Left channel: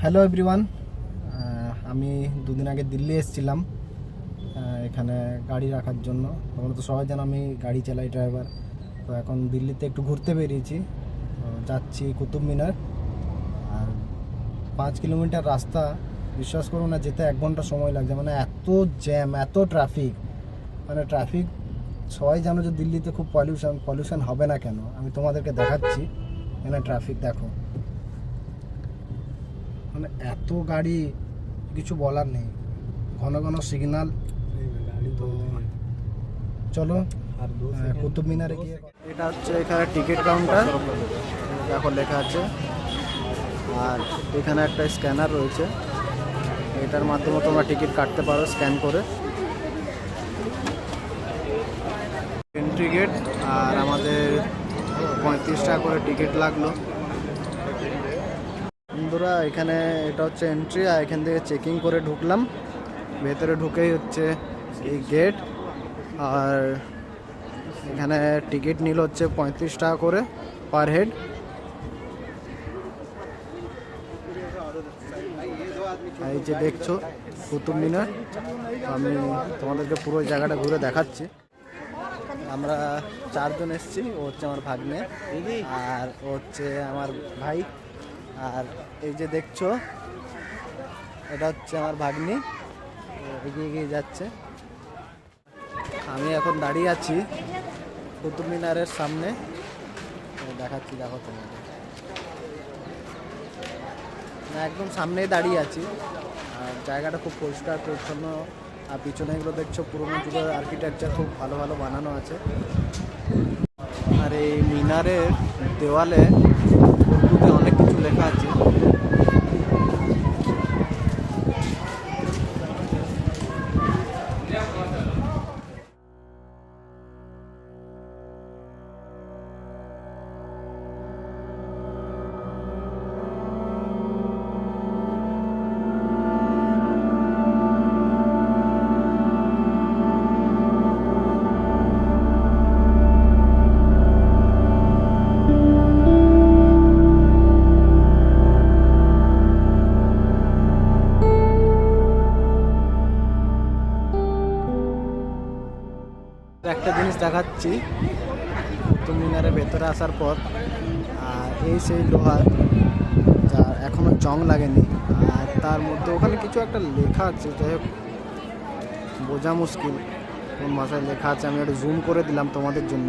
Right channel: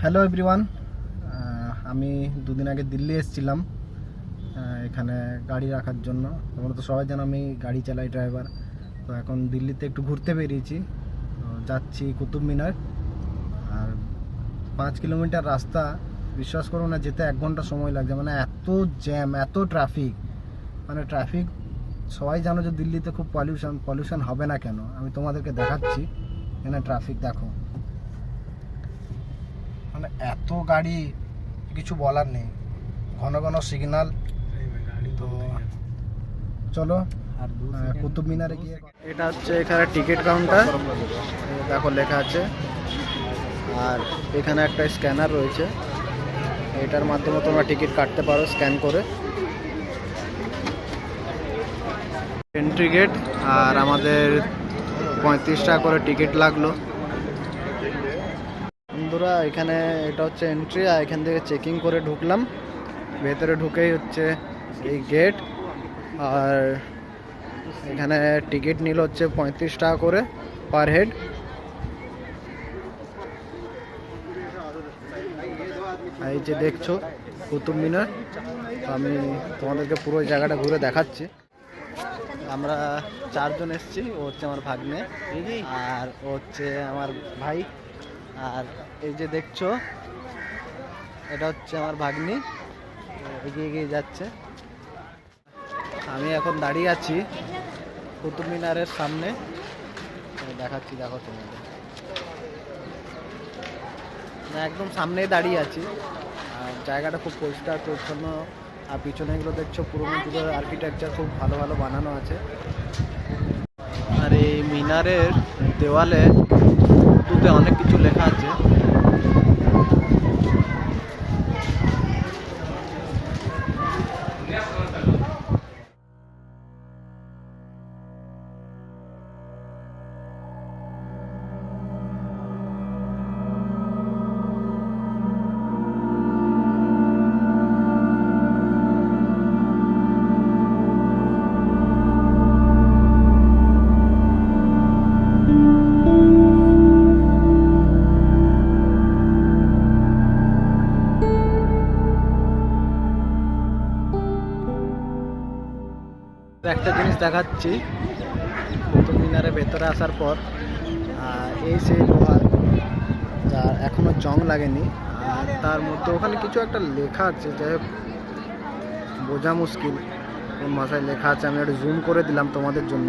Hello everyone আমি দুদিন আগে দিল্লি এসেছিলাম এখানে গাড়ি রাখার জন্য। তোমরা তো সবাই জানো আমি গাড়ি চালাই ড্রাইভার তো এখন দিল্লিতে একটু ঘুরতে বেরিয়েছি। যাচ্ছি কুতুব মিনার। আর পাঁচ কিলোমিটার রাস্তা, বিশ্বাস করুন না, যেতে এক ঘণ্টা সময় লাগছে। মানে এত জ্যাম এত ট্রাফিক মানে ট্রাফিক সবাই জানো যে দিল্লিতে খুব পলিউশন পলিউশন হবে না কেন? আমি তোমাদেরকে দেখাচ্ছি। এখানে ট্রাফিক দেখো। মানে এত গাড়ি কিছু বলার নেই। ঘন ঘন সিগনাল তো চলো আর কুতুব মিনারে গিয়ে এটা হচ্ছে এখানে টিকিট কাউন্টার দেখো লেখা আছে। আর এখানে একটা স্ক্যানার রয়েছে। এটার মাধ্যমে তোমরা টিকিট কাটতে পারো স্ক্যান করে। এন্ট্রি গেট আর আমাদের পঁয়ত্রিশ টাকা করে টিকিট লাগল। বন্ধুরা, এখানে এটা হচ্ছে এন্ট্রি আর এখান থেকে চেকিং করে ঢুকলাম। ভেতরে ঢুকেই হচ্ছে এই গেট আর এখানে টিকিট নিল হচ্ছে পঁয়ত্রিশ টাকা করে পার হেড এই যে দেখছ, কুতুব মিনার আমি তোমাদেরকে পুরো জায়গাটা ঘুরে দেখাচ্ছি। আমরা চারজন এসেছি, ও হচ্ছে আমার ভাগ্নে, আর ও হচ্ছে আমার ভাই। আর এই যে দেখছ, এটা হচ্ছে আমার ভাগ্নি। এগিয়ে এগিয়ে যাচ্ছে। আমি এখন দাঁড়িয়ে আছি কুতুব মিনারের সামনে। দেখাচ্ছি, দেখো তোমাদের। না, একদম সামনেই দাঁড়িয়ে আছি। আর জায়গাটা খুব পরিষ্কার, পরিচ্ছন্ন। আর পিছনে এগুলো দেখছ, পুরোনো যুগের আর্কিটেকচার খুব ভালো ভালো বানানো আছে। আর এই মিনারের দেওয়ালে উর্দুতে অনেক কিছু লেখা আছে। একটা জিনিস দেখাচ্ছি কুতুব মিনারে ভেতরে আসার পর, আর এই সেই লোহার, যা এখনও জং লাগেনি, আর তার মধ্যে ওখানে কিছু একটা লেখা আছে, যাই হোক, বোঝা মুশকিল, কোন ভাষায় লেখা আছে, আমি একটু জুম করে দিলাম তোমাদের জন্য।